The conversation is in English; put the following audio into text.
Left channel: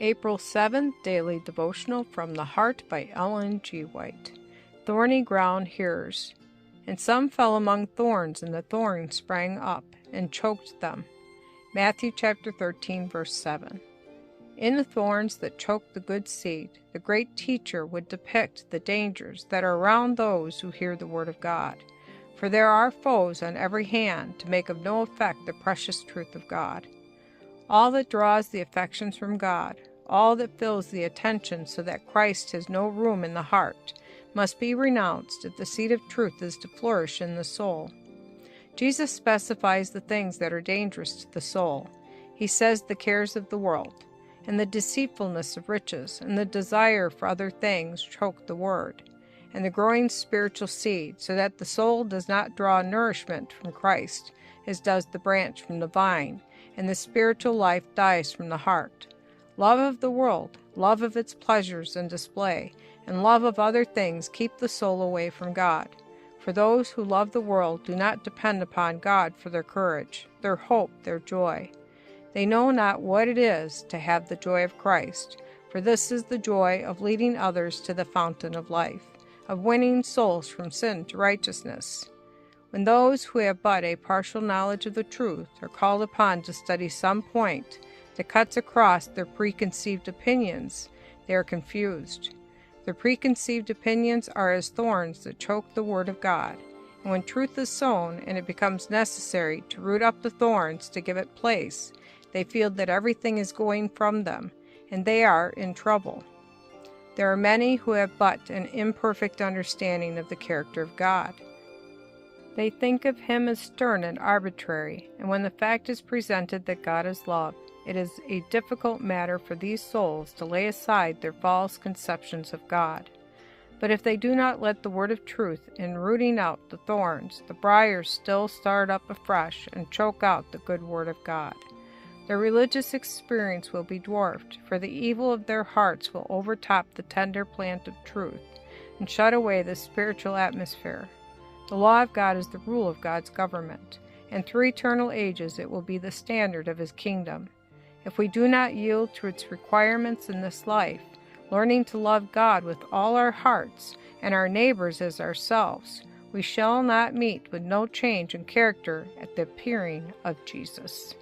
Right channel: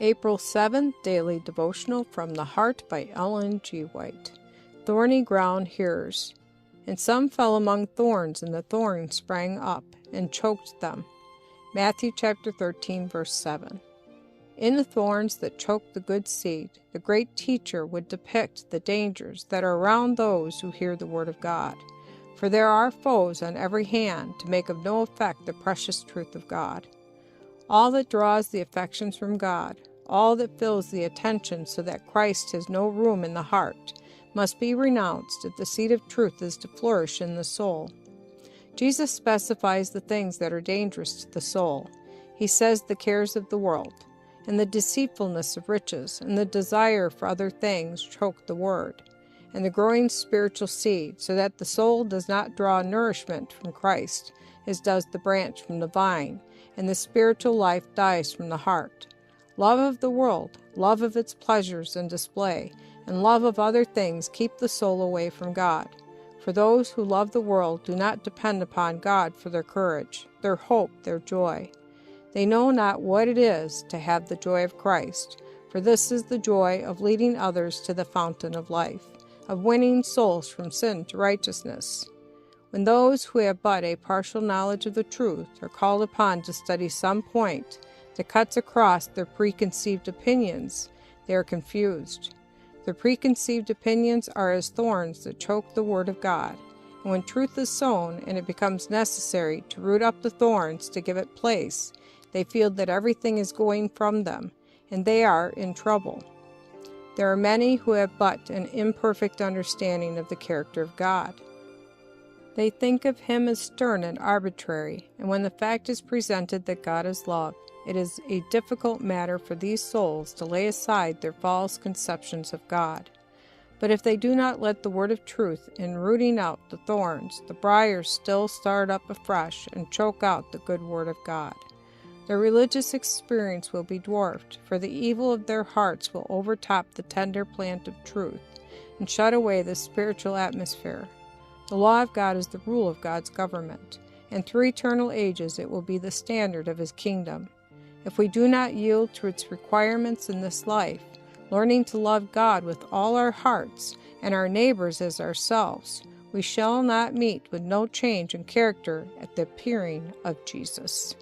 April 7th, Daily Devotional from the Heart by Ellen G. White. Thorny ground hearers. And some fell among thorns, and the thorns sprang up and choked them. Matthew chapter 13, verse 7. In the thorns that choke the good seed, the great teacher would depict the dangers that are around those who hear the word of God. For there are foes on every hand to make of no effect the precious truth of God. All that draws the affections from God, all that fills the attention so that Christ has no room in the heart, must be renounced if the seed of truth is to flourish in the soul. Jesus specifies the things that are dangerous to the soul. He says the cares of the world, and the deceitfulness of riches, and the desire for other things choke the word, and the growing spiritual seed, so that the soul does not draw nourishment from Christ, as does the branch from the vine, and the spiritual life dies from the heart. Love of the world, love of its pleasures and display, and love of other things keep the soul away from God. For those who love the world do not depend upon God for their courage, their hope, their joy. They know not what it is to have the joy of Christ, for this is the joy of leading others to the fountain of life, of winning souls from sin to righteousness. When those who have but a partial knowledge of the truth are called upon to study some point that cuts across their preconceived opinions, they are confused. Their preconceived opinions are as thorns that choke the word of God, and when truth is sown and it becomes necessary to root up the thorns to give it place, they feel that everything is going from them, and they are in trouble. There are many who have but an imperfect understanding of the character of God. They think of him as stern and arbitrary, and when the fact is presented that God is love, it is a difficult matter for these souls to lay aside their false conceptions of God. But if they do not let the word of truth in rooting out the thorns, the briars still start up afresh and choke out the good word of God. Their religious experience will be dwarfed, for the evil of their hearts will overtop the tender plant of truth and shut away the spiritual atmosphere. The law of God is the rule of God's government, and through eternal ages it will be the standard of his kingdom. If we do not yield to its requirements in this life, learning to love God with all our hearts and our neighbors as ourselves, we shall not meet with no change in character at the appearing of Jesus.